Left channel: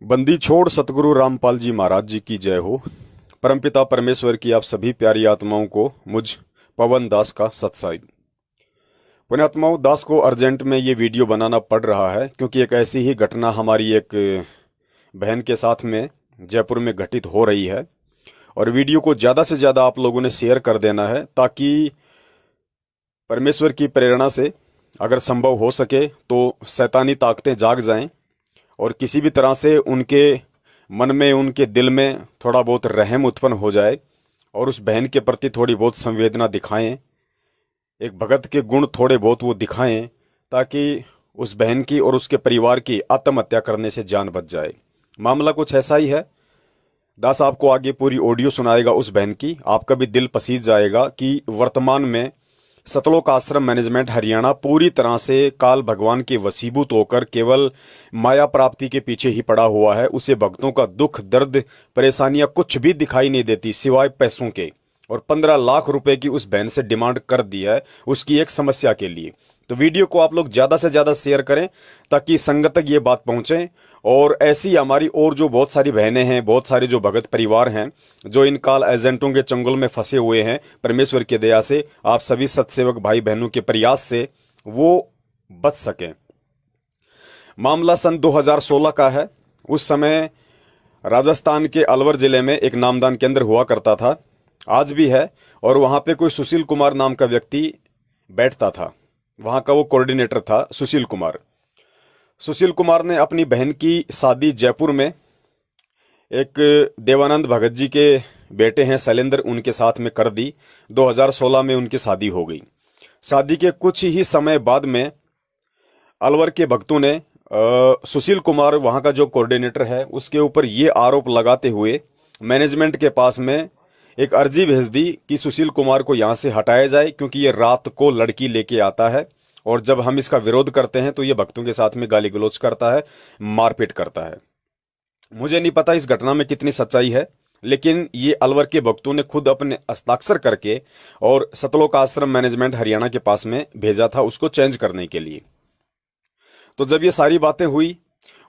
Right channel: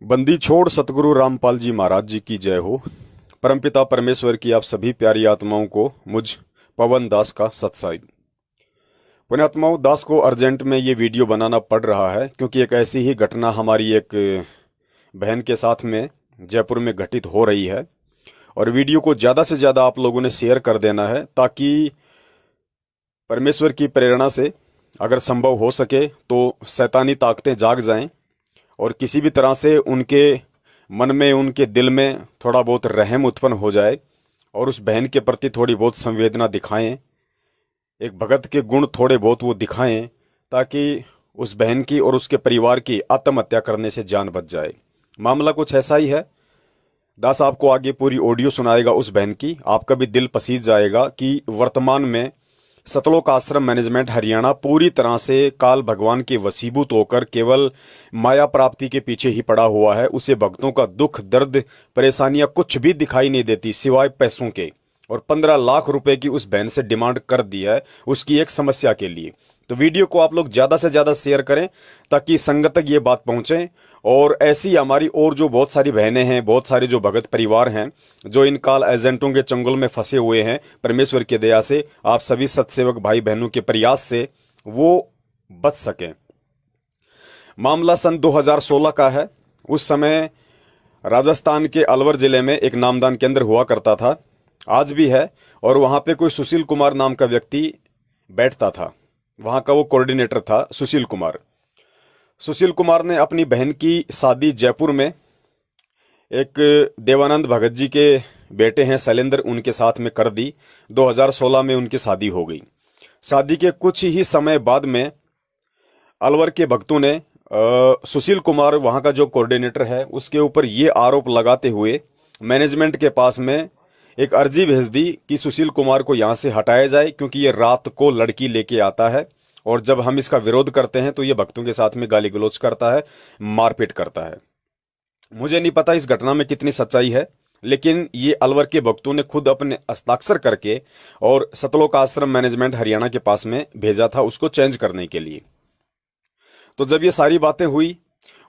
बंदी छोड़ सतगुरु रामपाल जी महाराज जी की जय हो। परमपिता परमेश्वर की आप सभी प्यारी आत्माओं को मुझ पवन दास का सत्साई। पुण्यात्माओं, दास को अर्जेंट में ये वीडियो बनाना पड़ रहा है क्योंकि एक ऐसी ही घटना हमारी एक बहन के साथ में जयपुर में घटित हो रही है और वीडियो को ज़्यादा से ज़्यादा आप लोगों ने शेयर कर देना है ताकि परमेश्वर की प्रेरणा से अगर संभव हो सके तो शैतानी ताकतें जाग जाएं और किसी भी तरह से उनके मन में, उनके दिल में थोड़ा बहुत रहम उत्पन्न हो जाए और उस बहन के प्रति थोड़ी बहुत संवेदना दिखाएं, एक भगत के गुण थोड़े बहुत वो दिखाएं ताकि उस बहन की और उसके परिवार की आत्महत्या करने से जान बच जाए। मामला कुछ ऐसा ही है। दास आपको आगे पूरी ऑडियो सुनाएगा उस बहन की। आपका भी दिल पसीज जाएगा कि वर्तमान में सतलोक आश्रम मैनेजमेंट हरियाणा पूरी तरह से काल भगवान के वशीभूत होकर केवल माया प्राप्ति के पीछे ही पड़ा हुआ है। उसे भक्तों का दुख, दर्द, परेशानियां कुछ भी दिखाई नहीं देती सिवाय पैसों के। और 15 लाख रुपए की उस बहन से डिमांड कर दी है उसकी एक समस्या के लिए। तो वीडियो को आप लोग ज्यादा से ज्यादा शेयर करें ताकि संगत तक ये बात पहुंचे। और ऐसी हमारी और जो बहुत सारी बहनें हैं, बहुत सारे जो भगत परिवार हैं जो इन काल एजेंटों के चंगुल में फंसे हुए हैं, परमेश्वर की दया से आप सभी सत्सेवक भाई बहनों के प्रयास से वो बच सकें। मामला सन 2016 का है। उस समय राजस्थान के अलवर जिले में एक नामदान केंद्र हुआ करता था, आज भी है, और वहां पे कोई सुशील कुमार नाम का व्यक्ति बैठता था। वहां का वो कोऑर्डिनेटर था सुशील कुमार। सुशील कुमार ने अपनी बहन की शादी जयपुर में एक देवानंद भगत जी के बेटे हैं शैलेंद्र, उनके साथ में कर दी। 2016 में उनकी शादी हो गई। शादी के कुछ ही समय बाद में अलवर के भक्तों ने सुशील कुमार, वहां का जो कोऑर्डिनेटर है, उसके ऊपर ये आरोप लगाते हुए मैनेजमेंट के पास में एक अर्जी भेज दी कि सुशील कुमार को यहां से हटाया जाए क्योंकि ये रात को लड़की लेके आता है और जब हम इसका विरोध करते हैं तो ये भक्तों के साथ में गाली गलौज करता है, मारपीट करता है। मुझे नहीं पता इस घटना में कितनी सच्चाई है, लेकिन ये अलवर के भक्तों ने खुद अपने हस्ताक्षर करके और सतलोक आश्रम मैनेजमेंट हरियाणा के पास में भेजा था उसको चेंज करने के लिए। तो जब ये सारी बातें हुई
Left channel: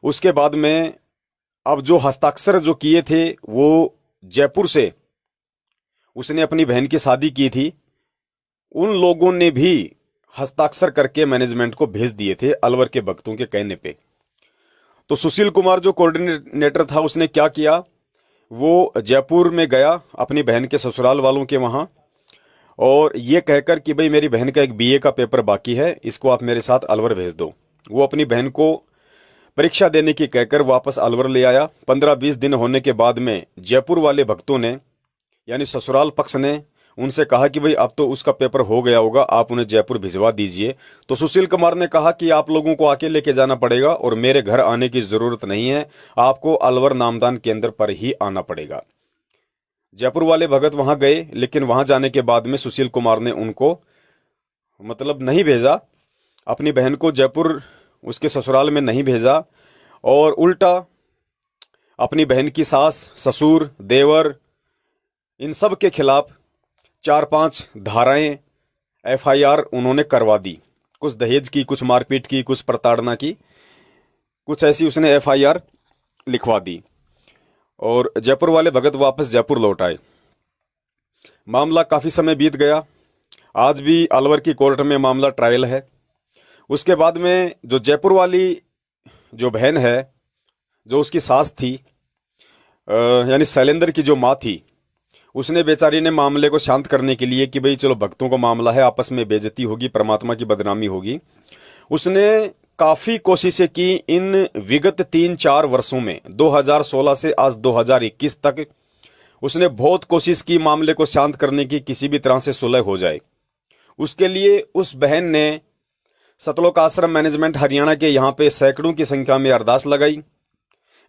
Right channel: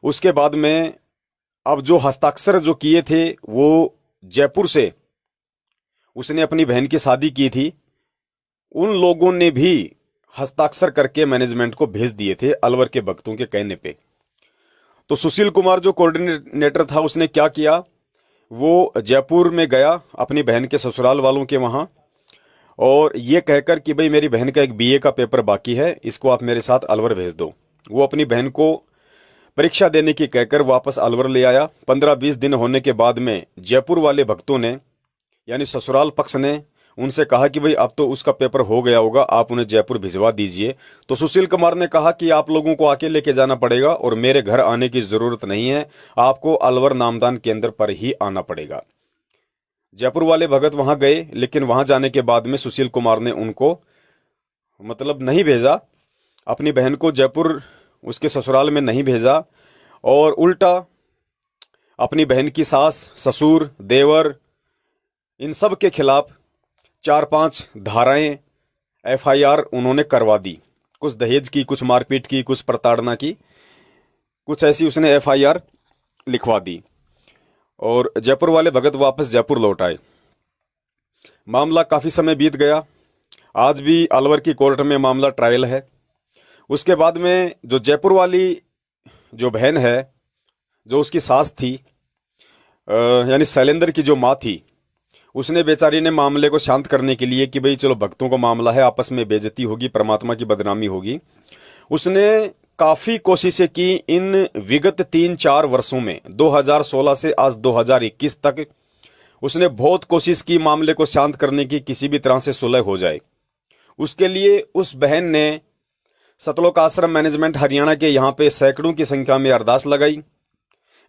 उसके बाद में अब जो हस्ताक्षर जो किए थे वो जयपुर से उसने अपनी बहन की शादी की थी, उन लोगों ने भी हस्ताक्षर करके मैनेजमेंट को भेज दिए थे अलवर के भक्तों के कहने पे। तो सुशील कुमार जो कोऑर्डिनेटर था उसने क्या किया, वो जयपुर में गया अपनी बहन के ससुराल वालों के वहां और ये कहकर कि भाई मेरी बहन का एक बीए का पेपर बाकी है, इसको आप मेरे साथ अलवर भेज दो। वो अपनी बहन को परीक्षा देने की कहकर वापस अलवर ले आया। 15-20 दिन होने के बाद में जयपुर वाले भक्तों ने, यानी ससुराल पक्ष ने, उनसे कहा कि भाई अब तो उसका पेपर हो गया होगा, आप उन्हें जयपुर भिजवा दीजिए। तो सुशील कुमार ने कहा कि आप लोगों को आके लेके जाना पड़ेगा और मेरे घर आने की जरूरत नहीं है, आपको अलवर नामदान केंद्र पर ही आना पड़ेगा। जयपुर वाले भगत वहां गए, लेकिन वहां जाने के बाद में सुशील कुमार ने उनको मतलब नहीं भेजा, अपनी बहन को जयपुर उसके ससुराल में नहीं भेजा और उल्टा अपनी बहन की सास, ससुर, देवर, इन सब के खिलाफ 4-5 धाराएं एफआईआर उन्होंने करवा दी। कुछ दहेज की, कुछ मारपीट की, कुछ प्रताड़ना की, कुछ ऐसी उसने एफआईआर लिखवा दी और जयपुर वाले भगत वापस जयपुर लौट आए। मामला काफी समय बीत गया, आज भी अलवर की कोर्ट में मामला ट्रायल है। उसके बाद में जो जयपुर वाली जो बहन है, जो उसकी सास थी, यानी शैलेंद्र की जो माँ थी, उसने बेचारी ने मामले को शांत करने के लिए कि भाई चलो भक्तों का मामला है, आपस में बेइज्जती होगी, परमात्मा की बदनामी होगी, उसने काफी कोशिशें की। इन विगत 3-4 वर्षों में 2016 से आज 2021 तक उसने बहुत कोशिश की मामले को शांत करने की, किसी भी तरह से सुलह हो जाए। उसके लिए उस बहन ने सतलोक आश्रम मैनेजमेंट हरियाणा के यहाँ पे सैकड़ों की संख्या में अरदास लगाई।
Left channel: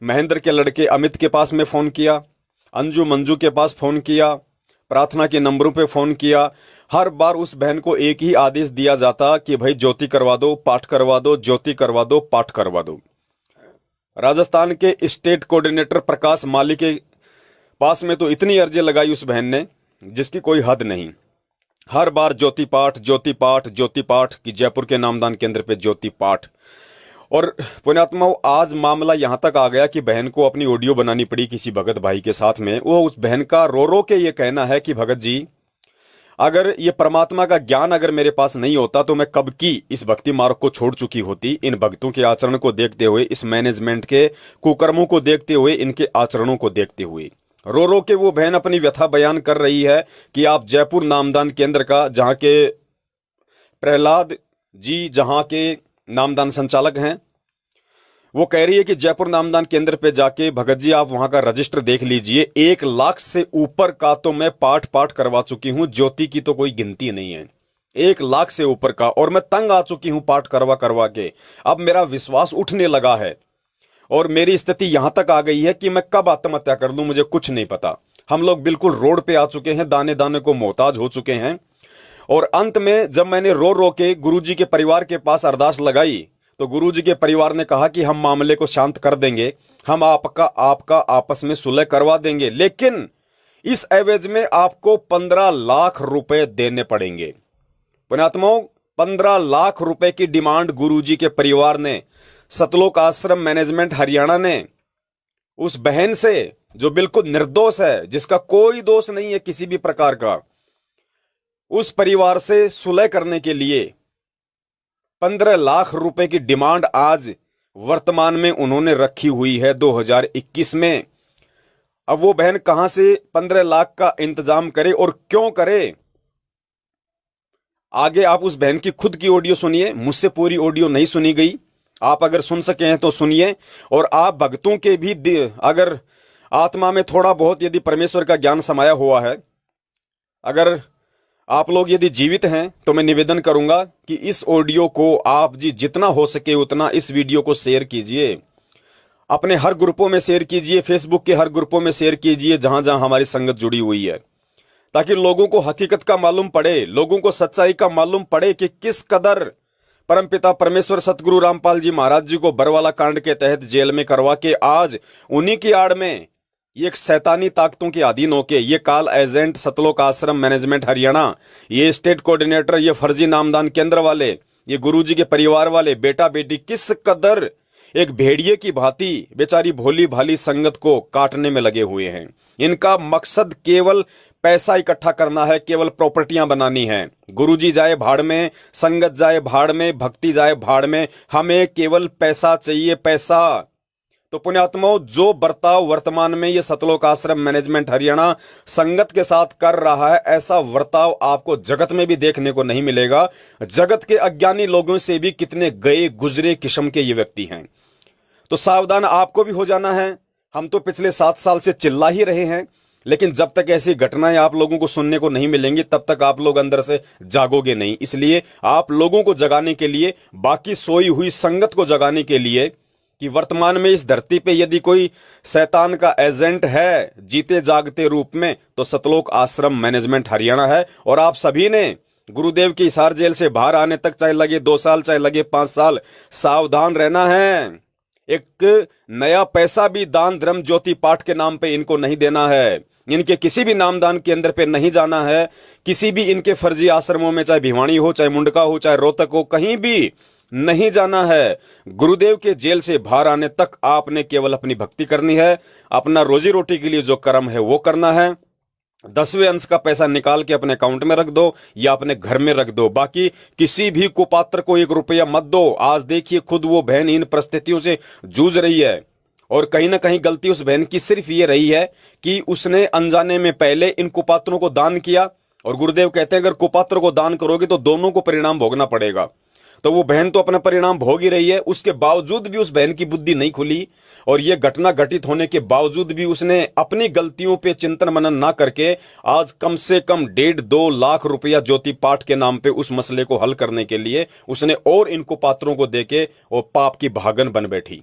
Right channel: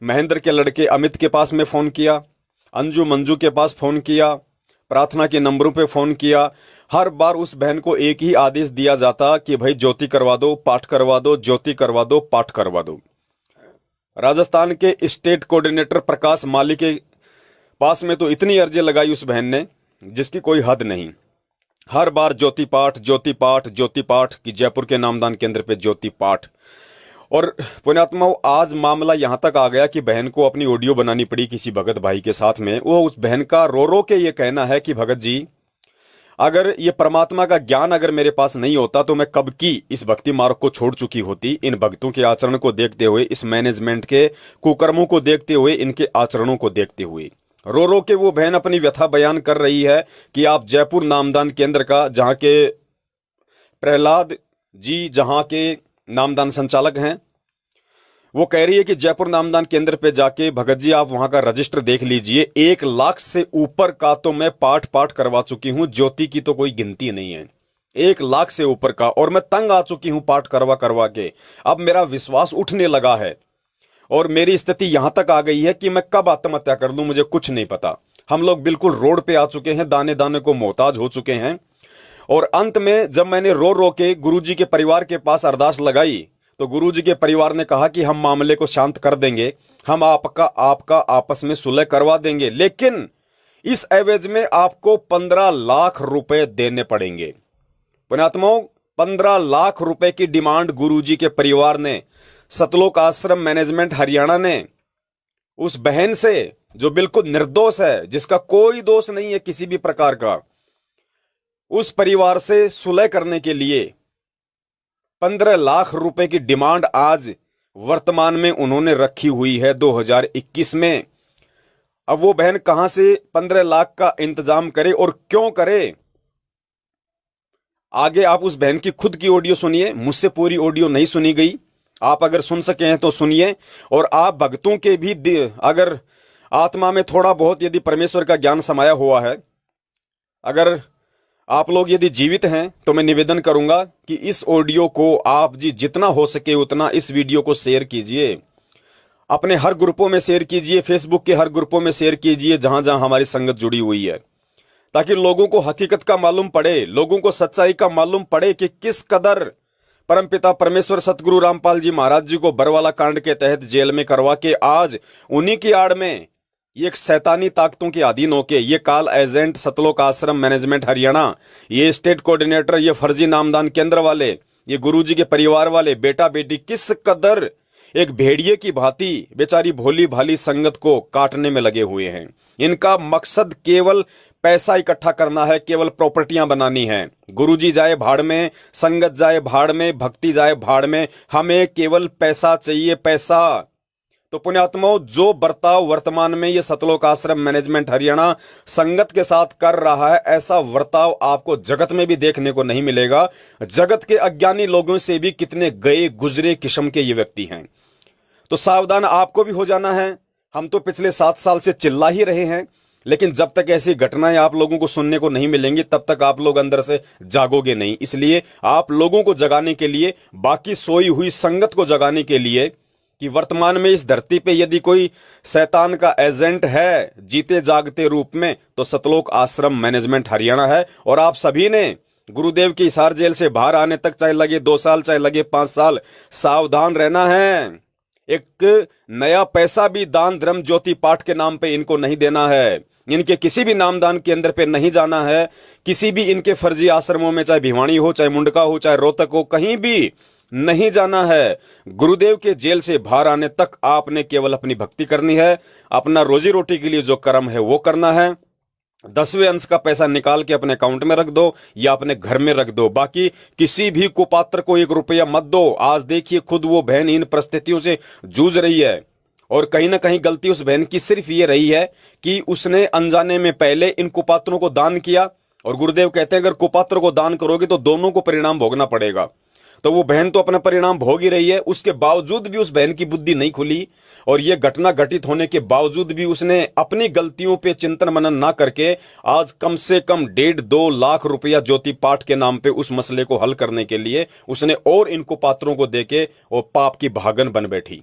महेंद्र के लड़के अमित के पास में फोन किया, अंजू मंजू के पास फोन किया, प्रार्थना के नंबरों पे फोन किया। हर बार उस बहन को एक ही आदेश दिया जाता कि भाई ज्योति करवा दो, पाठ करवा दो, ज्योति करवा दो, पाठ करवा दो। राजस्थान के स्टेट कोऑर्डिनेटर प्रकाश माली के पास में तो इतनी अर्जी लगाई उस बहन ने जिसकी कोई हद नहीं। हर बार ज्योति पाठ, ज्योति पाठ, ज्योति पाठ कि जयपुर के नामदान केंद्र पे ज्योति पाठ। और पुण्यात्मा, आज मामला यहां तक आ गया कि बहन को अपनी ऑडियो बनानी पड़ी किसी भगत भाई के साथ में। वो उस बहन का रो रो के ये कहना है कि भगत जी, अगर ये परमात्मा का ज्ञान अगर मेरे पास नहीं होता तो मैं कब की इस भक्ति मार्ग को छोड़ चुकी होती। इन भक्तों के आचरण को देखते हुए, इस मैनेजमेंट के कुकर्मों को देखते हुए, इनके आचरणों को देखते हुए रो रो के वो बहन अपनी व्यथा बयान कर रही है कि आप जयपुर नामदान केंद्र का, जहां के प्रहलाद जी जहां के नामदान संचालक हैं, वो कह रही है कि जयपुर नामदान केंद्र पे जाके भगत जी आप वहां का रजिस्टर देख लीजिए, 1 लाख से ऊपर का तो मैं पाठ पाठ करवा चुकी हूं, ज्योति की तो कोई गिनती नहीं है। 1 लाख से ऊपर का, और मैं तंग आ चुकी हूं पाठ करवा करवा के। अब मेरा विश्वास उठने लगा है और मेरी स्थिति यहां तक आ गई है कि मैं कब आत्महत्या कर लूं मुझे कुछ नहीं पता। हम लोग बिल्कुल रोड पे आ चुके हैं, दाने दाने को मोहताज हो चुके हैं। और अंत में जब मैंने रो रो के गुरुजी के परिवार के पास अरदास लगाई तो गुरुजी के परिवार ने कहा कि हम मामले को शांत कर देंगे, हम आपका आपस में सुलह करवा देंगे, लेकिन इस एवज में आपको 15 लाख रुपए देने पड़ेंगे। पुण्यात्माओं, 15 लाख रुपए की डिमांड गुरुजी के परिवार ने, सतलोक आश्रम मैनेजमेंट हरियाणा ने उस बहन से, जो बिल्कुल निर्दोष है, जिसका कोई दोष नहीं है किसी भी प्रकार का, उस परिवार से सुलह करने के लिए 15 लाख रुपए की डिमांड आज वर्तमान में उन्होंने रखी हुई है 2021 में। अब वो बहन कहां से 15 लाख का इंतजाम करे और क्यों करे? आगे आप उस बहन की खुद की ऑडियो सुनिए, मुझसे पूरी ऑडियो नहीं सुनी गई। आप अगर सुन सके हैं तो सुनिए। और आप भक्तों के भी अगर आत्मा में थोड़ा बहुत यदि परमेश्वर का ज्ञान समाया हुआ है, अगर आप लोग यदि जीवित हैं, तो मैं निवेदन करूंगा कि इस ऑडियो को आप जी जितना हो सके उतना इस वीडियो को शेयर कीजिए, अपने हर ग्रुपों में शेयर कीजिए, फेसबुक के हर ग्रुपों में शेयर कीजिए जहां जहां हमारी संगत जुड़ी हुई है, ताकि लोगों को हकीकत का मालूम पड़े, लोगों को सच्चाई का मालूम पड़े कि किस कदर परमपिता परमेश्वर सतगुरु रामपाल जी महाराज जी को बरवाला कांड के तहत जेल में करवा के आज उन्हीं की आड़ में ये एक शैतानी ताकतों के अधीन होके ये काल एजेंट सतलोक आश्रम मैनेजमेंट हरियाणा, ये स्टेट कोऑर्डिनेटर, ये फर्जी नामदान केंद्र वाले, ये गुरुजी के परिवार वाले, बेटा बेटी किस कदर एक भेड़िए की भांति बेचारी भोली भाली संगत को काटने में लगे हुए हैं। इनका मकसद केवल पैसा इकट्ठा करना है, केवल प्रॉपर्टियां बनानी है। गुरुजी जाए भाड़ में, संगत जाए भाड़ में, भक्ति जाए भाड़ में, हमें केवल पैसा चाहिए, पैसा। तो पुण्यात्माओं, जो बर्ताव वर्तमान में ये सतलोक आश्रम मैनेजमेंट हरियाणा संगत के साथ कर रहा है, ऐसा बर्ताव आपको जगत में भी देखने को नहीं मिलेगा। जगत के अज्ञानी लोगों से भी कितने गए गुजरे किस्म के ये व्यक्ति हैं। तो सावधान आपको भी हो जाना है। हम तो पिछले 7 साल से चिल्ला ही रहे हैं, लेकिन जब तक ऐसी घटनाएं आप लोगों को सुनने को नहीं मिलेंगी तब तक आप लोग अंदर से जागोगे नहीं। इसलिए आप लोगों को जगाने के लिए, बाकी सोई हुई संगत को जगाने के लिए कि वर्तमान में इस धरती पे यदि कोई शैतान का एजेंट है जीते जागते रूप में, तो सतलोक आश्रम मैनेजमेंट हरियाणा है। और आप सभी ने गुरुदेव की हिसार जेल से बाहर आने तक चाहे लगे 2 साल, चाहे लगे 5 साल, सावधान रहना है। एक नया पैसा भी दान धर्म ज्योति पाठ के नाम पे इनको नहीं देना है। इनके किसी भी नामदान केंद्र पे नहीं जाना है। किसी भी इनके फर्जी आश्रमों में, चाहे भिवानी हो, चाहे मुंडका हो, चाहे रोहतक हो, कहीं भी नहीं जाना है। गुरुदेव के जेल से बाहर आने तक आपने केवल अपनी भक्ति करनी है, अपना रोजी रोटी के लिए जो कर्म है वो करना है। 10वें अंश का पैसा निकाल के अपने अकाउंट में रख दो या अपने घर में रख दो। बाकी किसी भी कुपात्र को 1 रुपया मत दो। आज देखिए खुद वो बहन इन परिस्थितियों से जूझ रही है, और कहीं ना कहीं गलती उस बहन की सिर्फ ये रही है कि उसने अनजाने में पहले इन कुपात्रों को दान किया। और गुरुदेव कहते हैं अगर कुपात्र को दान करोगे तो दोनों को परिणाम भोगना पड़ेगा। तो वो बहन तो अपना परिणाम भोग ही रही है, उसके बावजूद भी उस बहन की बुद्धि नहीं खुली। और ये घटना घटित होने के बावजूद भी उसने अपनी गलतियों पे चिंतन मनन ना करके आज कम से कम 1.5-2 लाख रुपया ज्योति पाठ के नाम पे उस मसले को हल करने के लिए उसने और इनको पात्रों को देके वो पाप की भागन बन बैठी।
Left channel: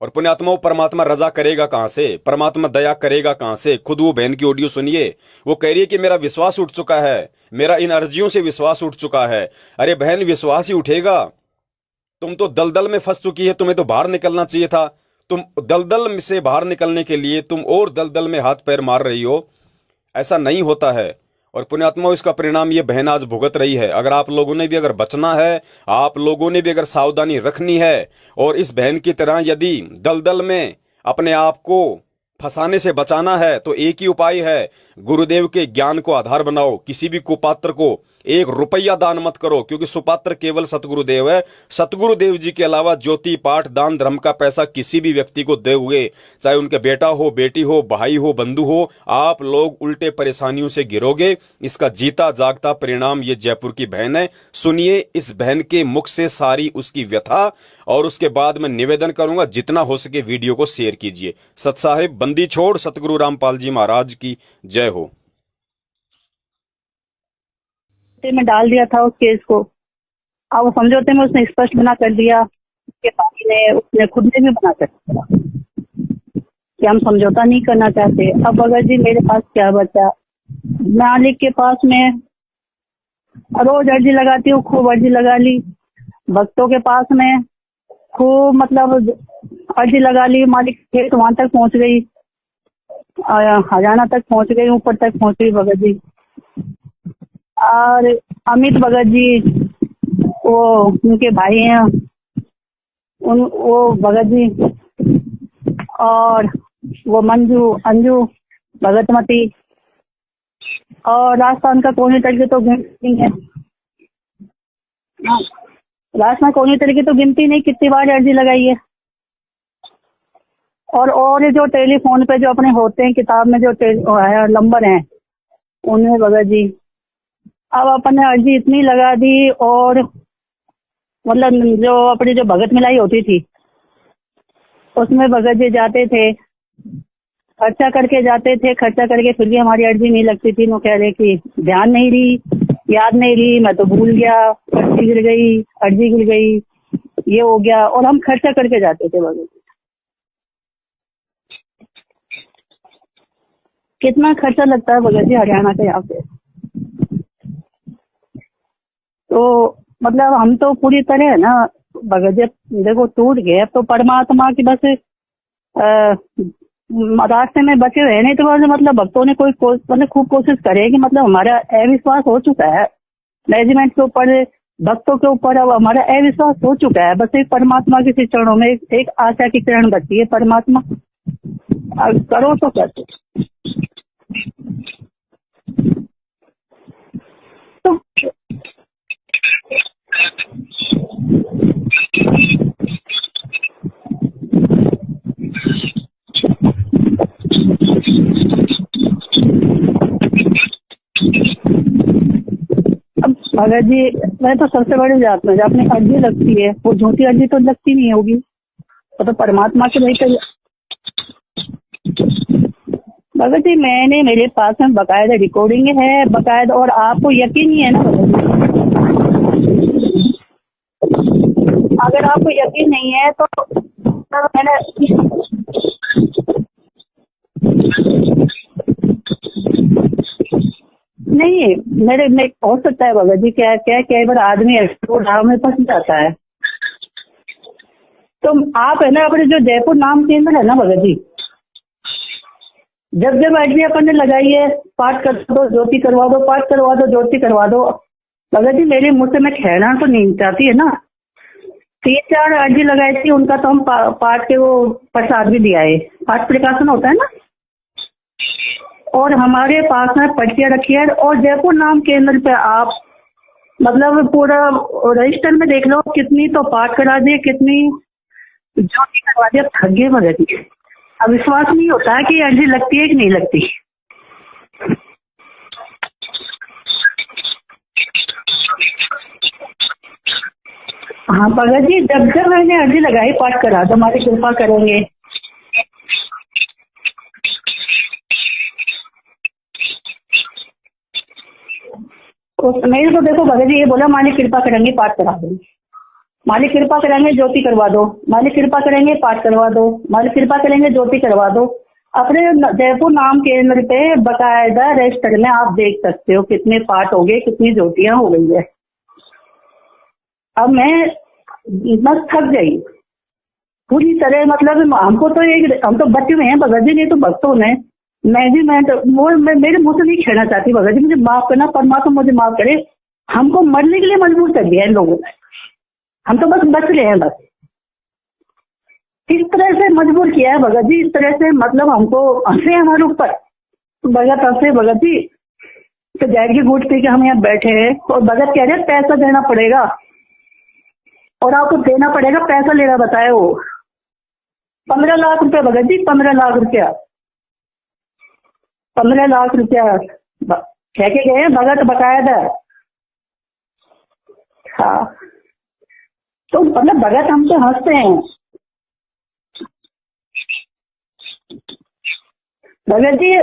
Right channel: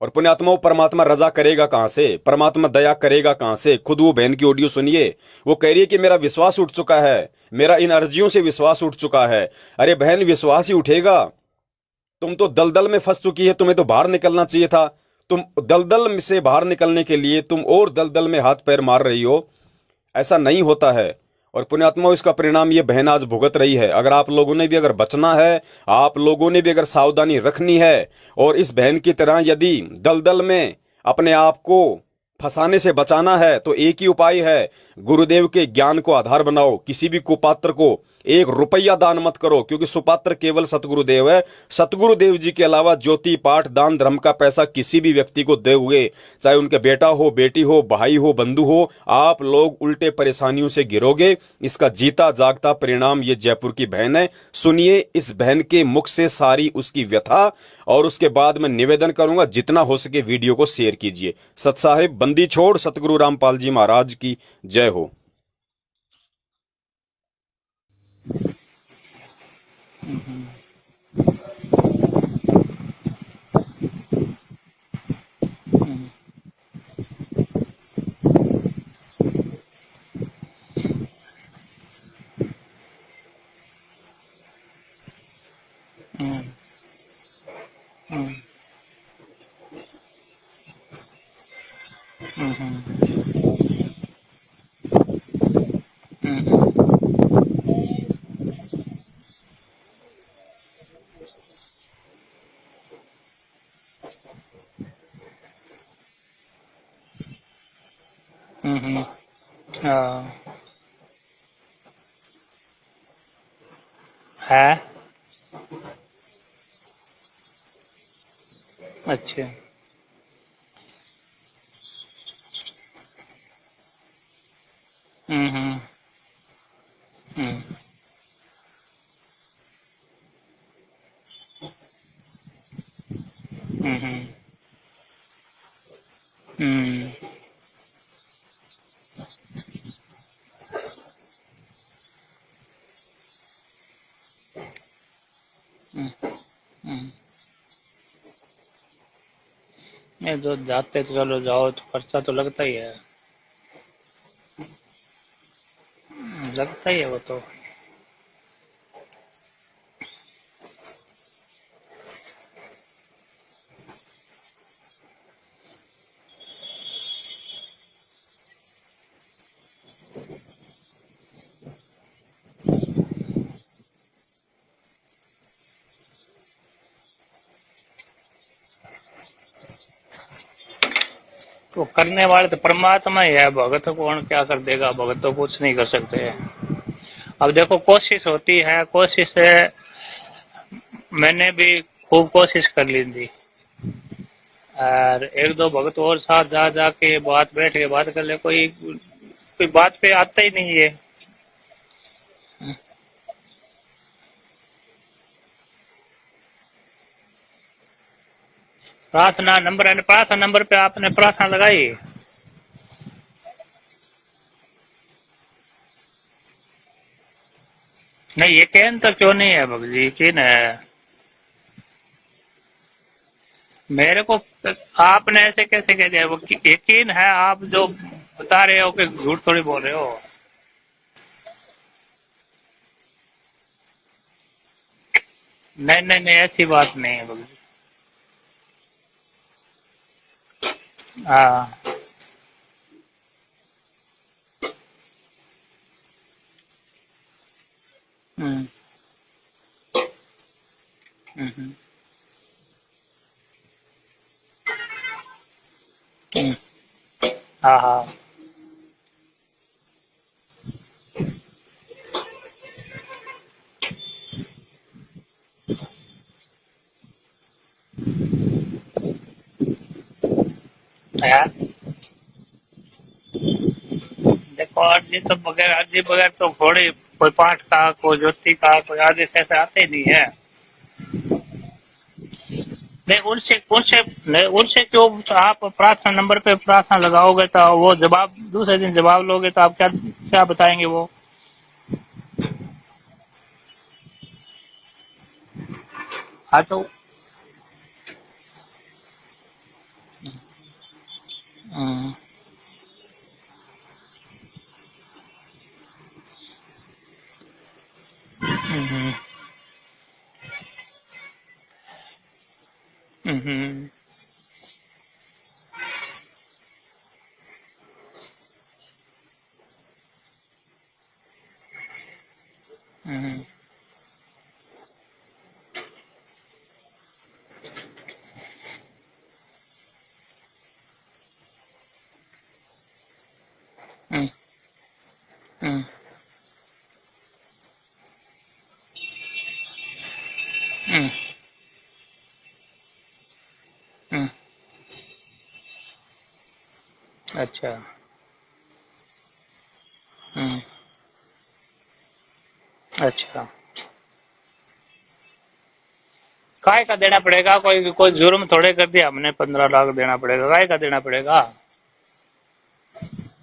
और पुण्यात्माओं, परमात्मा रजा करेगा कहां से, परमात्मा दया करेगा कहां से? खुद वो बहन की ऑडियो सुनिए, वो कह रही है कि मेरा विश्वास उठ चुका है, मेरा इन अर्जियों से विश्वास उठ चुका है। अरे बहन, विश्वास ही उठेगा? तुम तो दलदल में फंस चुकी है, तुम्हें तो बाहर निकलना चाहिए था। तुम दलदल से बाहर निकलने के लिए तुम और दलदल में हाथ पैर मार रही हो। ऐसा नहीं होता है। और पुण्यात्मा इसका परिणाम ये बहन आज भुगत रही है। अगर आप लोगों ने भी अगर बचना है, आप लोगों ने भी अगर सावधानी रखनी है और इस बहन की तरह यदि दलदल में अपने आप को फंसाने से बचाना है, तो एक ही उपाय है, गुरुदेव के ज्ञान को आधार बनाओ। किसी भी कुपात्र को 1 रुपया दान मत करो, क्योंकि सुपात्र केवल सतगुरुदेव है। सतगुरुदेव जी के अलावा ज्योति पाठ दान धर्म का पैसा किसी भी व्यक्ति को दोगे, चाहे उनके बेटा हो, बेटी हो, भाई हो, बंधु हो, आप लोग उल्टे परेशानियों से गिरोगे। इसका जीता जागता परिणाम ये जयपुर की बहन है। सुनिए इस बहन के मुख से सारी उसकी व्यथा, और उसके बाद मैं निवेदन करूंगा जितना हो सके वीडियो को शेयर कीजिए। सत साहिब बंदी छोड़ सतगुरु रामपाल जी महाराज की जय हो। में डाल दिया था उस केस को। अब वो समझौते में उसने स्पष्ट मना कर दिया कि पार्टी ने उसने खुद ने भी मना कर दिया कि हम समझौता नहीं करना चाहते। अब अगर जी मेरे पास क्या बचा, मालिक के पास में रोज अर्जी लगाती हूँ, खूब अर्जी लगा ली। भक्तों के पास में खूब मतलब अर्जी लगा ली। मालिक खेत वहां तक पहुंच गई, हरियाणा तक पहुंच गई, ऊपर तक पहुंच गई भगत जी। और अमित भगत जी वो उनके भाई हैं, वो भगत जी, और वो मंजू अंजू भगतमती, और राजस्थान का कोने तरीके तो गिनती है, राजस्थान कोने तरीके तो गिनती नहीं कितनी बार अर्जी लगाई है। अच्छा। और जो टेलीफोन पे जो अपने होते हैं किताब में जो नंबर हैं उनमें भगत जी अब अपने अर्जी इतनी लगा दी, और मतलब जो अपनी जो भगत मिलाई होती थी उसमें भगत जी जाते थे, खर्चा करके जाते थे, खर्चा करके फिर भी हमारी अर्जी नहीं लगती थी। वो कह रहे कि ध्यान नहीं रही, याद नहीं रही, मैं तो भूल गया, पर्ची गिर गई, अर्जी गिर गई, ये हो गया। और हम खर्चा करके जाते थे भगत। नहीं जो जाते तो चलो जाओ तो खर्चा तो लगता ही है। कितना खर्चा लगता है भगत जी हरियाणा का यहाँ पे? लगता ही है वो तो मतलब हम तो पूरी तरह है ना भगत जी देखो टूट गए। अब तो परमात्मा की बस रास्ते में बचे रहे, नहीं तो मतलब भक्तों ने कोई मतलब खूब कोशिश करे कि मतलब हमारा अविश्वास हो चुका है मैनेजमेंट के ऊपर, भक्तों के ऊपर। अब हमारा अविश्वास हो चुका है, बस एक परमात्मा के चरणों में एक आशा की किरण बची है। परमात्मा तो करने वाला तो परमात्मा ही है, भगत को कौन क्या कर देगा, भगत तो कुछ नहीं कर सकते। अब देखो कोशिश होती है, कोशिश है, मैंने भी खूब कोशिश कर ली थी, और 1-2 भगत और साथ जा जाके बैठ के बात करने कोई बात पे आता ही नहीं है। अब भगत जी मैं तो सबसे बड़ी जात में अपनी अर्जी लगती है, वो झूठी अर्जी तो लगती नहीं होगी। प्रार्थना नंबर पे आपने प्रार्थना लगाई भगत जी? मेरे पास में बकायदा रिकॉर्डिंग है, बकायदा। और आपको यकीन ही है ना? नहीं यकीन तो क्यों नहीं है भगत जी, यकीन है। अगर आपको यकीन नहीं है तो मेरे को आपने ऐसे कैसे कह दिया? वो यकीन है, आप जो बता रहे हो कि झूठ थोड़ी बोल रहे हो। नहीं मेरे में हो सकता है भगत जी, क्या कई बार आदमी में फंस जाता है। ऐसी बात नहीं है भगत जी। तो आप है ना अपने जो जयपुर नाम केंद्र है ना भगत जी, जब अर्जी अपन ने लगाई है, पाठ कर दो ज्योति करवा दो, पाठ करवा दो ज्योति करवा दो। भगत जी मेरे मुँह से मैं कहना तो नहीं चाहती है ना, 3-4 अर्जी लगाई थी, उनका तो हम पाठ के वो प्रसाद भी दिया है, पाठ प्रकाशन होता है ना। और हमारे पास में पर्चियाँ रखी है, और जयपुर नाम केंद्र पे आप मतलब पूरा रजिस्टर में देख लो, कितनी तो पाठ करा दिए, कितनी ज्योति करवा दिया। थक गए भगत जी, विश्वास नहीं होता है कि अर्जी लगती है कि नहीं लगती। देखो अर्जी तो बगैर तो घोड़े कोई पाठ का, कोई ज्योति का, कोई आदेश ऐसे आते ही नहीं है। हाँ भगत जी जब मैंने अर्जी लगाई, पाठ करा दो, हमारी कृपा करेंगे। जो आप प्रार्थना नंबर पे प्रार्थना लगाओगे तो वो जवाब दूसरे दिन जवाब लोगे तो आप क्या बताएंगे? वो मेरे को देखो भगत जी ये बोला मालिक कृपा करेंगे पाठ करा दो, मालिक कृपा करेंगे ज्योति करवा दो, मालिक कृपा करेंगे पाठ करवा दो, मालिक कृपा करेंगे ज्योति करवा दो। अपने जयपुर नाम केंद्र पे बकायदा रजिस्टर में आप देख सकते हो कितने पाठ हो गए, कितनी ज्योतियाँ हो गई है। अब मैं बस थक गई पूरी तरह, मतलब हमको तो हम तो बचे हुए हैं भगत जी, नहीं तो भक्तों ने मैनेजमेंट वो मेरे मुंह से नहीं कहना चाहती भगत जी, मुझे माफ करना, परमात्मा मुझे माफ करे। हमको मरने के लिए मजबूर कर दिया इन लोगों ने, हम तो बस बच रहे हैं बस। इस तरह से मजबूर किया है भगत जी, इस तरह से मतलब हमको हंसे हमारे ऊपर, भगत हंसे भगत जी। तो जैद की घूट पी के हम यहाँ बैठे हैं और भगत कह रहे पैसा देना पड़ेगा और आपको देना पड़ेगा, पैसा लेना बताए वो 15 लाख रुपया भगत जी, 15 लाख रुपया। अच्छा 15 लाख रुपया कह के गए भगत बकाया था। अच्छा हाँ तो काय का मतलब देना भगत पड़ेगा? हमको हंसते कोई हैं। जुर्म थोड़े कर दिया हमने, 15 लाख देना पड़ेगा, काय का देना पड़ेगा? भगत जी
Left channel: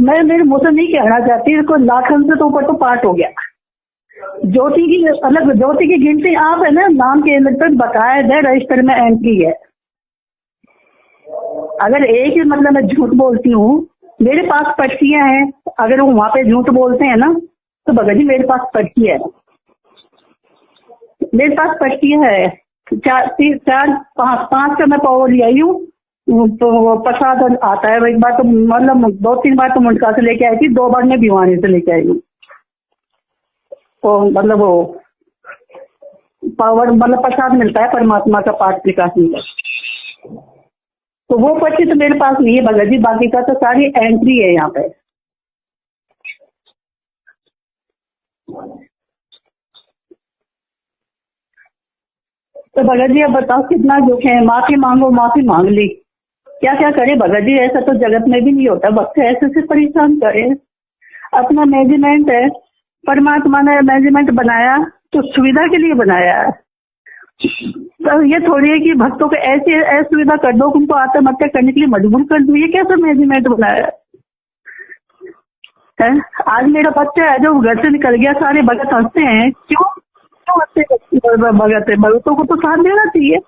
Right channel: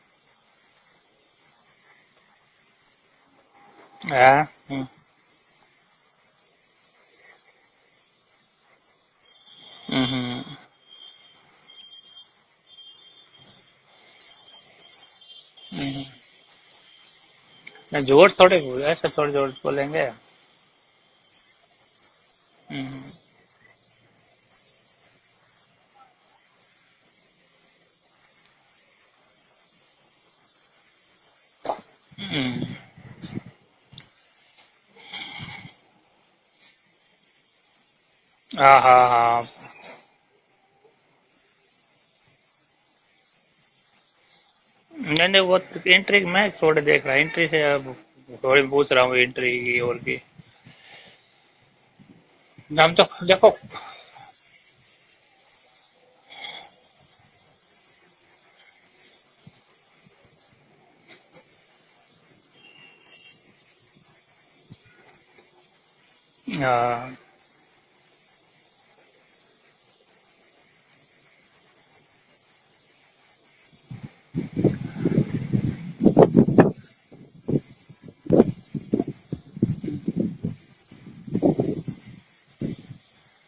मैं मेरे मुंह से नहीं कहना चाहती, इसको लाखन से तो ऊपर तो पार्ट हो गया। ज्योति की अलग, ज्योति की गिनती आप है ना, नाम के मतलब बकाया है, रजिस्टर में एंट्री है। अगर एक ही मतलब मैं झूठ बोलती हूँ, मेरे पास पर्चियां हैं, अगर वो वहाँ पे झूठ बोलते हैं ना तो भगत जी मेरे पास पर्ची है, बोलेंगे मेरे पास पर्ची है। 4-5 का मैं पावर ले आई हूँ, तो प्रसाद आता है एक बार, तो मतलब 2-3 बार तो मुंडका से लेके आई थी, 2 बार मैं भिवानी से लेके आई हूँ। तो मतलब वो पावर मतलब प्रसाद मिलता है परमात्मा का पास की काफी। तो वो पर्ची तो मेरे पास नहीं है भगत जी, बाकी का तो सारी एंट्री है यहाँ पे। नहीं वो एंट्री मैं थोड़े देख रहा, एंट्री से थोड़ी पूछ रहा हूँ एंट्री की और की। तो भगत जी अब बताओ कितना दुख है, माफी मांगो, माफी मांग ली, क्या क्या करे भगत जी, ऐसा तो जगत में भी नहीं होता, वक्त ऐसे से परेशान करे। अपना मैनेजमेंट है, परमात्मा ने मैनेजमेंट बनाया तो सुविधा के लिए बनाया है। तो ये थोड़ी है कि भक्तों को ऐसी असुविधा कर दो, उनको आत्महत्या करने के लिए मजबूर कर दो, ये कैसा मैनेजमेंट बनाया है? आज मेरा बच्चा है जो घर से निकल गया, सारे भगत हंसते हैं, क्यों हंसते? भगत है, भगतों को तो साथ देना चाहिए।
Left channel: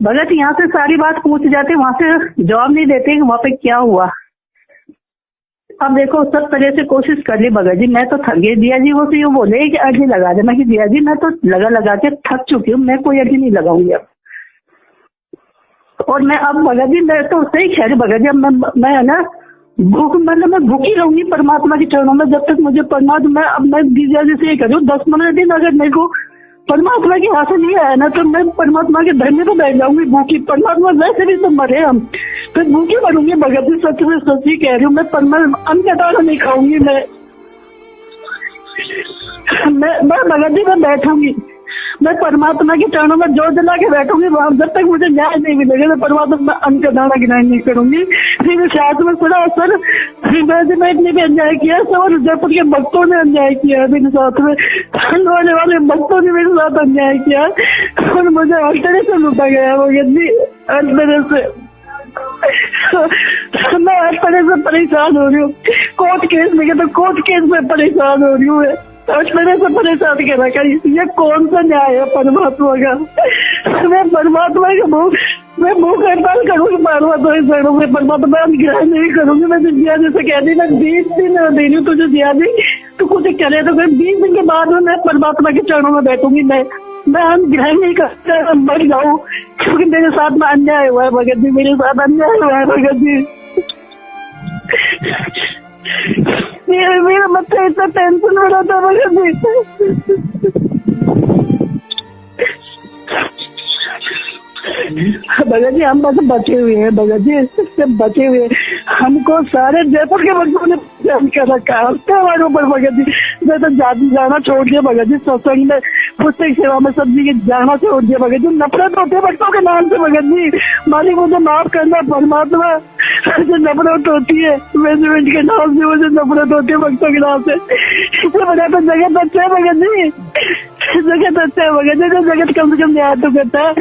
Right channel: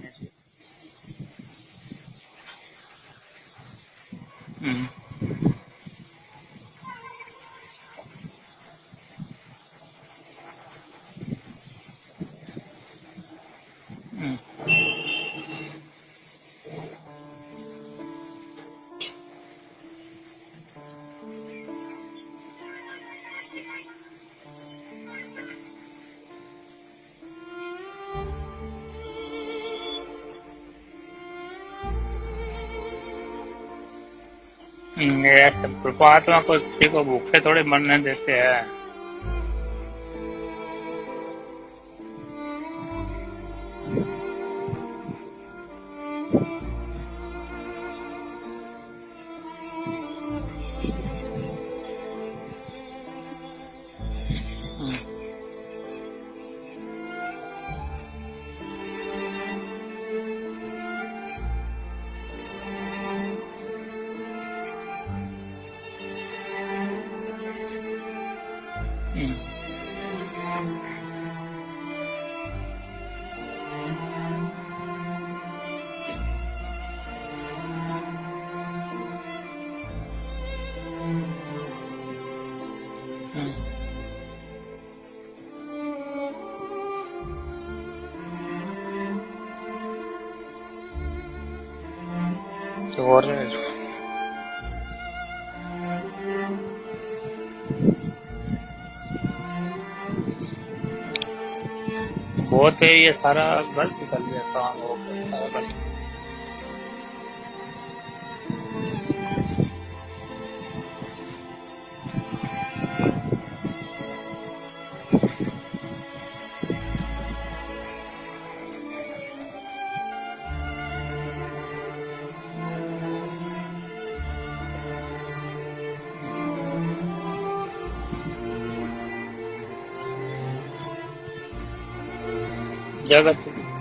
भगत यहाँ से सारी बात पूछ जाते, वहाँ से जवाब नहीं देते वहाँ पे क्या हुआ। अब देखो सब तरह से कोशिश कर ली भगत जी, मैं तो थक गई। दिया जी वो से बोले कि अर्जी लगा दे, मैं कि दिया जी मैं तो लगा के थक चुकी हूँ, मैं कोई अर्जी नहीं लगाऊंगी अब। और मैं अब भगत जी मैं तो सही कह रही भगत जी, अब मैं है ना भूख, मतलब मैं भूखी रहूंगी परमात्मा के चरणों में जब तक मुझे परमात्मा। अब मैं दिया जी से ये करूँ 10-15 दिन अगर मेरे को परमात्मा के हाथ से नहीं आया ना तो मैं परमात्मा के धरने पे बैठ जाऊंगी भूखी। परमात्मा वैसे भी तो मरे हम, फिर भूखी मरूंगी भगत जी, सच में सच्ची कह रही हूँ। मैं अन्न का दाना नहीं खाऊंगी, मैं भूखे थोड़े मरने देते हैं। मैं भगत जी मैं बैठूंगी, मैं परमात्मा के चरणों में जोर जला के बैठूंगी, जब तक मुझे न्याय नहीं मिलेगा तो परमात्मा मैं अन्न का दाना गिनाई नहीं करूंगी। फिर शायद में सुना सर मैनेजमेंट ने भी अन्याय किया, सर जयपुर के भक्तों ने अन्याय किया मेरे साथ में, होने वाले भक्तों ने मेरे साथ अन्याय किया और मुझे हर तरह से लूटा गया वो यदि हर तरह से। मैं हर तरह से परेशान हो रही हूँ, कोर्ट केस में तो कोर्ट केस में परेशान हो रही हूँ, मेरे से परेशान कर रखा। ये कौन सा न्याय है परमात्मा का? मैं परमात्मा के मैं मुँह हड़ताल करूँगी परमात्मा के चरणों में, परमात्मा ग्रहण नहीं करूंगी। मैं दिया जैसे कह दी मैं 20 दिन दे रही हूँ तुझे दिया दी, तो कुछ करे तो 20 दिन के बाद में मैं परमात्मा के चरणों में बैठूंगी। मैं ग्रहण नहीं करता, मर जाऊँ, क्योंकि मेरे साथ में अन्याय हुआ है भगत जी, मेरे साथ अन्याय हुआ है भगत जी। मेरा बच्चा इतना टेंशन में रहता है भगत जी, बहुत है ये सारा भगत जी। हम बस बचे हुए हैं भगत जी, इससे बचे हुए हमको सारे जयपुर के भक्तों ने जान कर रखा है हमारे ऊपर भगत जी। मैं तो जाना छोड़ दिया भगत जी, सत्संग में पुस्तक सेवा में सब जी जाना छोड़ दिया भगत जी। नफरत होती है भक्तों के नाम से भगत जी, मालिक मुझे माफ करना परमात्मा, मुझे नफरत होती है मैनेजमेंट के नाम से, मुझे नफरत होती है भक्तों के नाम से। इससे बड़ा तो जगत अच्छा है भगत जी, जगत अच्छा है भगत जी, जगत कम से कम न्याय तो करता है,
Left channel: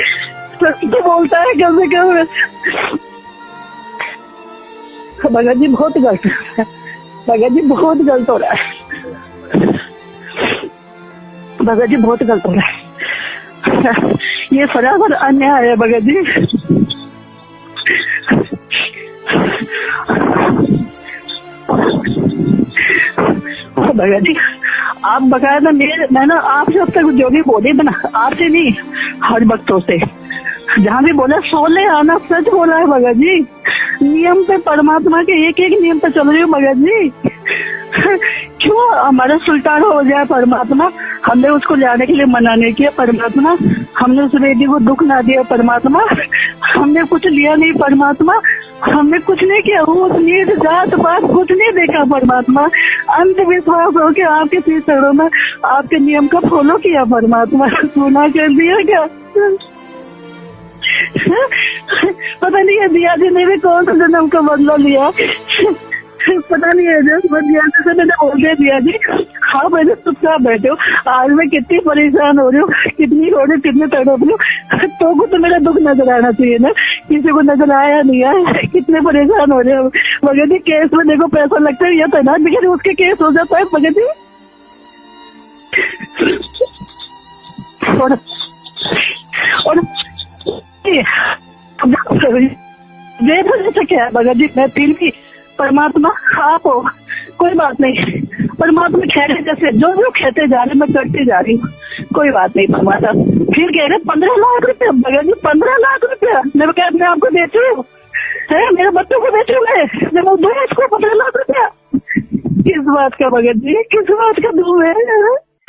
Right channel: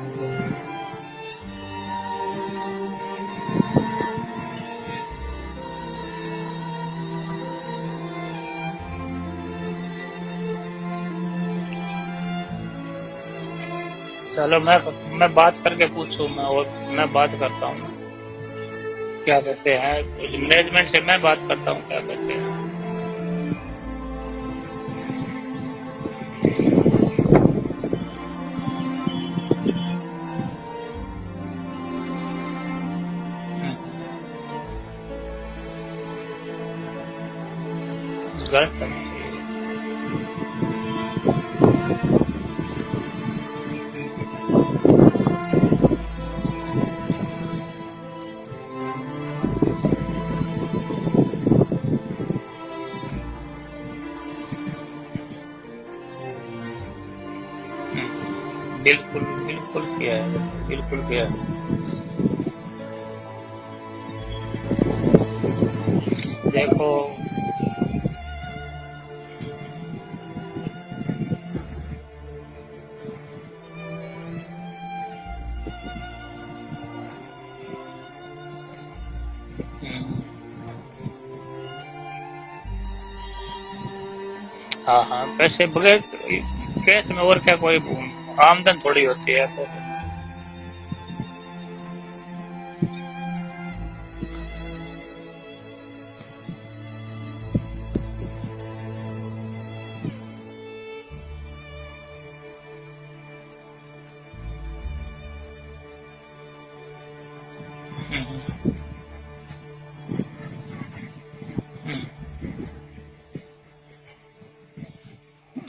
सच तो बोलता है कम से कम। भगत जी बहुत गलत है, भगत जी बहुत गलत हो रहा है, भगत जी बहुत गलत हो रहा है, ये सरासर अन्याय है भगत जी। मैं बात करता हूँ क्या कहते हैं मैनेजमेंट से, मैं बात करता हूँ भगत जी। आप बकायदा मैं ना आपसे अब तक जो भी बोले बना, आपसे नहीं हर भक्तों से जहाँ भी बोला सोले आना सच बोला है भगत जी। नियम पे, परमात्मा के एक एक नियम पे चल रही हूँ भगत जी। क्यों हमारा सुल्तान हो जाए परमात्मा? हमने उसको जाने के लिए मना नहीं किया परमात्मा, हमने उस बेटी को दुख ना दिया परमात्मा, हमने कुछ लिया नहीं परमात्मा, हमने कुछ नहीं किया, वो नीच जात पात कुछ नहीं देखा परमात्मा। अंधविश्वास हो के आपके तीन चरणों में आपके नियम का फॉलो किया परमात्मा। सुना कर दिया क्या? पता नहीं है दिया जी ने भी कौन सा जन्म का बदला लिया, पता नहीं है। जैसे मैंने बोल दिया जी, हाँ मैंने चुपचाप बैठे हो। आज मैं कितनी परेशान हो रही हूँ, कितनी हो रही हूँ, कितने तड़प रही हूँ, तो को तो मेरा दुख नजर आना चाहिए ना, किसी को नजर आया नहीं है। कितने परेशान हो रहे हो भगत जी। केस में देखो पैसा लगता है, या तो ना लेकिन उसके केस हो जाता है भगत जी। हाँ हाँ, पैसे केस में और क्या कोई आमदन थोड़ी होती है। और जैसे क्या है भगत जी, मैं फिर भी परमात्मा आप हो, कोई बात नहीं, परमात्मा खेले जैसे जो जो कहते जा रहे मैं करती जा रही हूँ, कोई बात नहीं परमात्मा। फिर कह रहे 15 लाख रुपया भगत जी, 15 लाख रुपया मैं क्या अपने आपको देती हूँ, मेरे बच्चों को बेचू मैं दूँ इसको 15 लाख रुपया? किस बात का भगत जी, किस बात का दूँ मैं?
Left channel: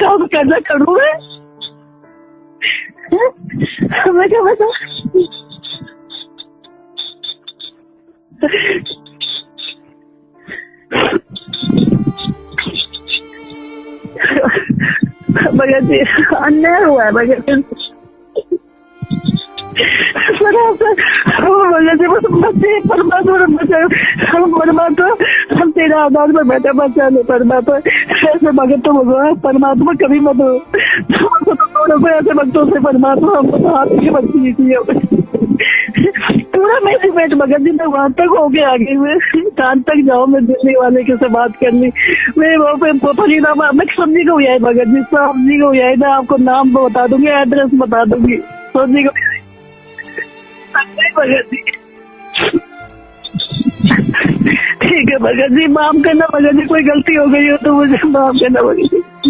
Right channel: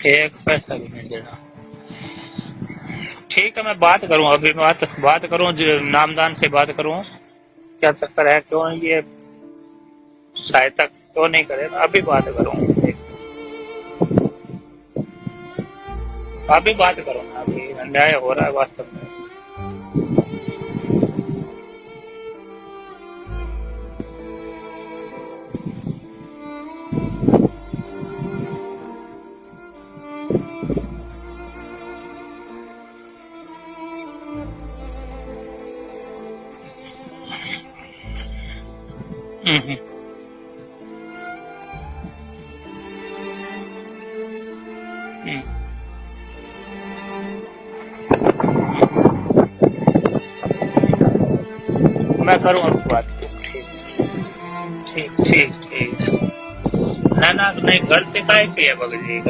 कब करना करूँ मैं? ठीक है, मैं बात करूँ, अभी बात करूँ, नामदान से बात करूँ, क्या चक्कर है, क्यों ये सहायता क्यों नहीं करे, अभी बात करूँ भगत जी। अन्याय हुआ है भगत जी, अन्याय हो रहा है वास्तव में। भगत जी बस बच्चे परमात्मा हम तेरे आधार पर बैठे बच्चा नहीं परमात्मा। ऐसे भगत तो भगवान परमात्मा कभी मत हो, ऐसे भक्तों से परमात्मा हमको तो हाथ की भक्ति की पूरा मेरी पेट भगत जी। मैं वहां तक हो गया आगे में, शाम तक जाओ, मैं दिल्ली वाले के से बात करनी, मैं वहाँ पे परिणाम मैं समझी को है भगत जी, समझी को है। मैं आपको नाम बता दूंगी, एड्रेस बता दूंगी, समझी को भगत जी। मैं करूँ बात। ठीक है भगत जी, माफ करना भगत जी, कोई गलती हो गई हो तो मुझे माफ करना भगत जी।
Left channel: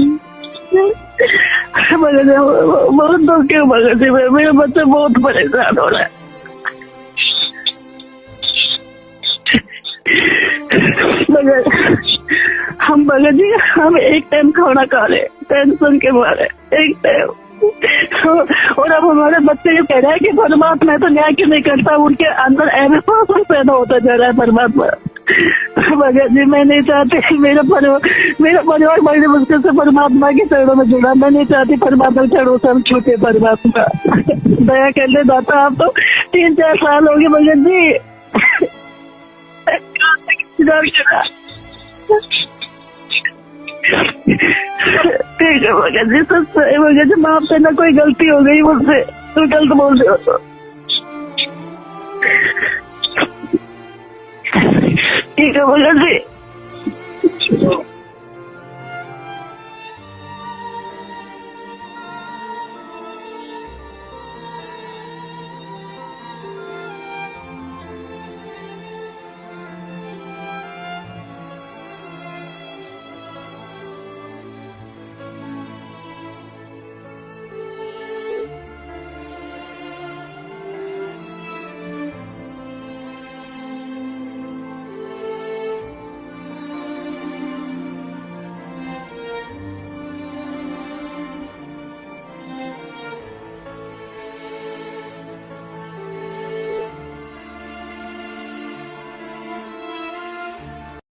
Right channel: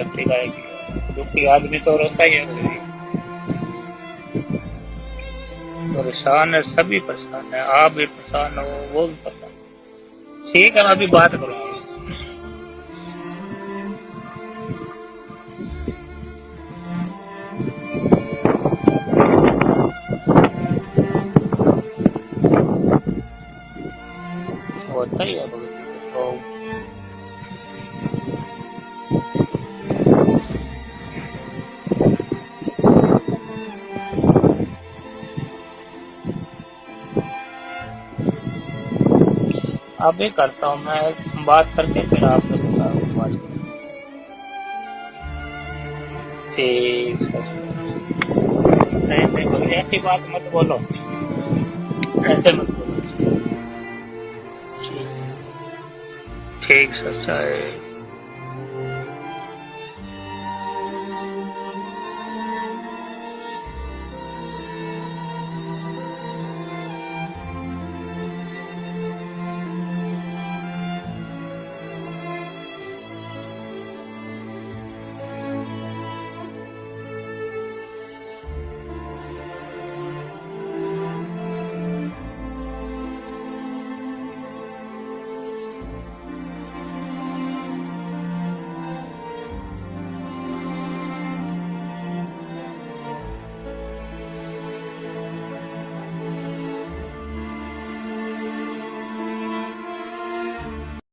बहुत दुख है भगत जी, मेरे बच्चे बहुत परेशान हो रहे हैं। परेशान है, सभी परेशान है, आप भी परेशान हो, वो ठीक है। अभी बात हम भगत जी, हम एक टाइम खाना खा रहे टेंशन के मारे, एक टाइम। और अब हमारे बच्चे ये कह रहे हैं कि परमात्मा तो न्याय क्यों नहीं करता, उनके अंदर अविश्वास पैदा होता जा रहा है परमात्मा। भगत जी मैं नहीं चाहती मेरा परिवार बड़े मुश्किल से परमात्मा के चरणों में जुड़ा, मैं नहीं चाहती परमात्मा के चरणों से छूटे। परमात्मा दया कर ले दाता, आप तो 3-4 साल हो गए भगत जी। अभी करता हूं बात करके ठीक है भगत जी, सच है भगत जी, माफ करना कोई गलती हो गई मुझसे, तो गलत बोल दो बोलो। ठीक है भगत जी, ठीक है।